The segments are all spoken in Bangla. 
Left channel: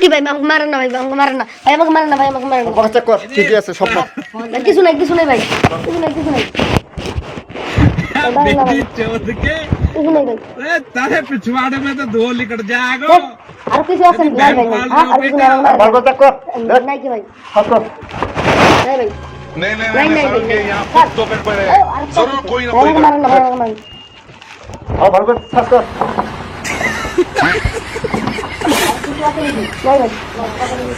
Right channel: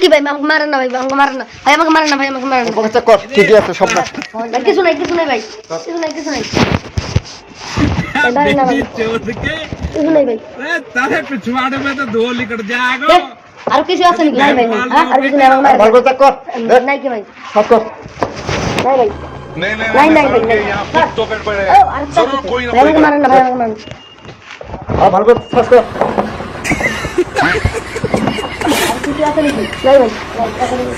কি ভাই আমাকে মারেন না ভাই, আমাকে মারেন না ভাই, আমাকে মারেন না ভাই, আমাকে মারেন না চেক কর কি কি আছে সব না। ভাই, কিছু নাই ভাই, কিছু নাই बेटी चोद के কিছু নাই ভাই। अरे तारे पिछवाड़े में तो धो निकल जाएगा আর কিছু আছে নাকি ভাই? হ্যাঁ, আর কিছু নাই, আমাকে মারেন ভালো চেক কর না। নাই কি ভাই? চেক কর নাই ভাই, नहीं नहीं नहीं, नहीं नहीं, सर नहीं, के नहीं। यहाँ सर। कुछ तो गड़बड़ है আর जरूर कोई ना ভাই, कोई আমাকে মারেন না ভাই, আমাকে মারেন না। ভালো করে চেক কর কিছু আছে নাকি? নাই ভাই, কথা বলি,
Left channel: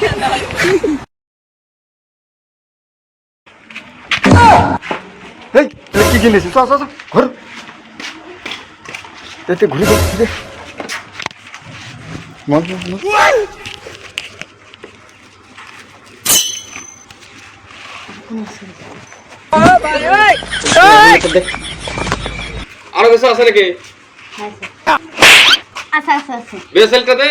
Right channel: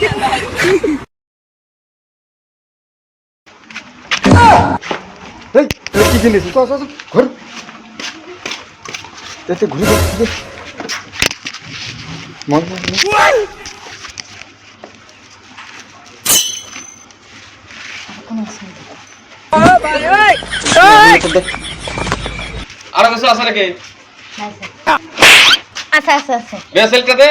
কিছু নাই। এই এটা কি জিনিস চল চল চল, ঘুর এতে ঘুরে যাচ্ছে মন আরো কিছু আছে নাকি? আচ্ছা আচ্ছা আচ্ছা বিএসএলটাতে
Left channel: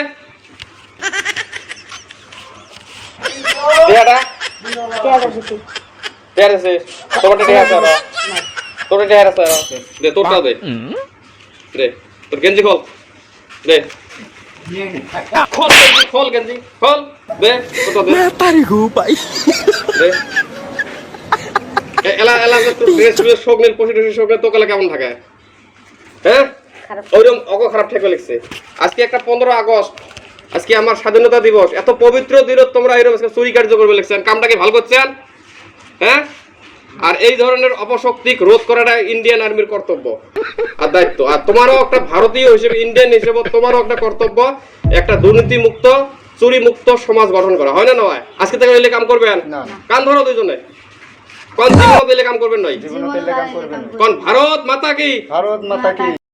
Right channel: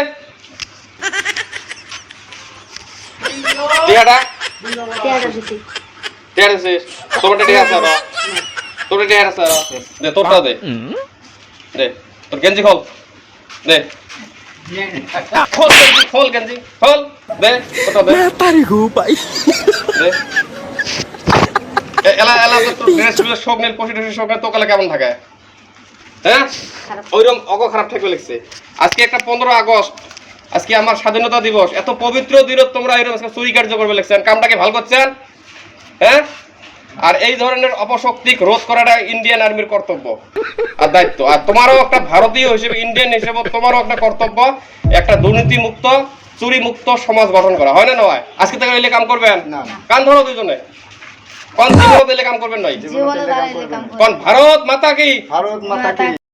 টিয়াটা ঠিক আছে টিয়ার আছে, তোরটা টিয়ার আছে না? তোরটা টিয়ার আছে না? দে তোরটা দে, দে তোর গেঞ্জি খোল, দে খোল গেঞ্জি, খোল গেঞ্জি খোল, দে ওটা দে तारी को भाई দে এলা এলা তোর ড্রেস শোক নেই, পশি টশি শোক নেই, তোকালে কেমন থাকে? হ্যাঁ ওইরকম অগ খারাপ ঠেকে লিখছে। আজকে একটা 15 আগস্ট, আজকে আমার স্বাধীনতা দিবস, এত পবিত্র দিন তোমরা এরকম আজকে চুরি কার্য করবে লিখছেন, কামটাকে ভালো করছেন? হ্যাঁ, আর এই ধরনের অপশক্তি রোধ করাটা ইন্ডিয়ান আর্মির কর্তব্য আর দায়িত্ব। আর তোমারও একটা ভারতীয় হিসেবে, ইন্ডিয়ান হিসেবে তোমারও একটা কর্তব্য, একটা দুর্নীতি মুক্ত, চুরি মুক্ত সমাজ গঠন করা, হয় না নয়? আজকে থেকে এলে কাম করবেন না। কান ধরো দুজনে, কোন জীবনে দিলে কাম করবেন নয়, জীবনে তেলে কাম করবে না। কোন ভারত মাতা কি, ভারত মাতা কি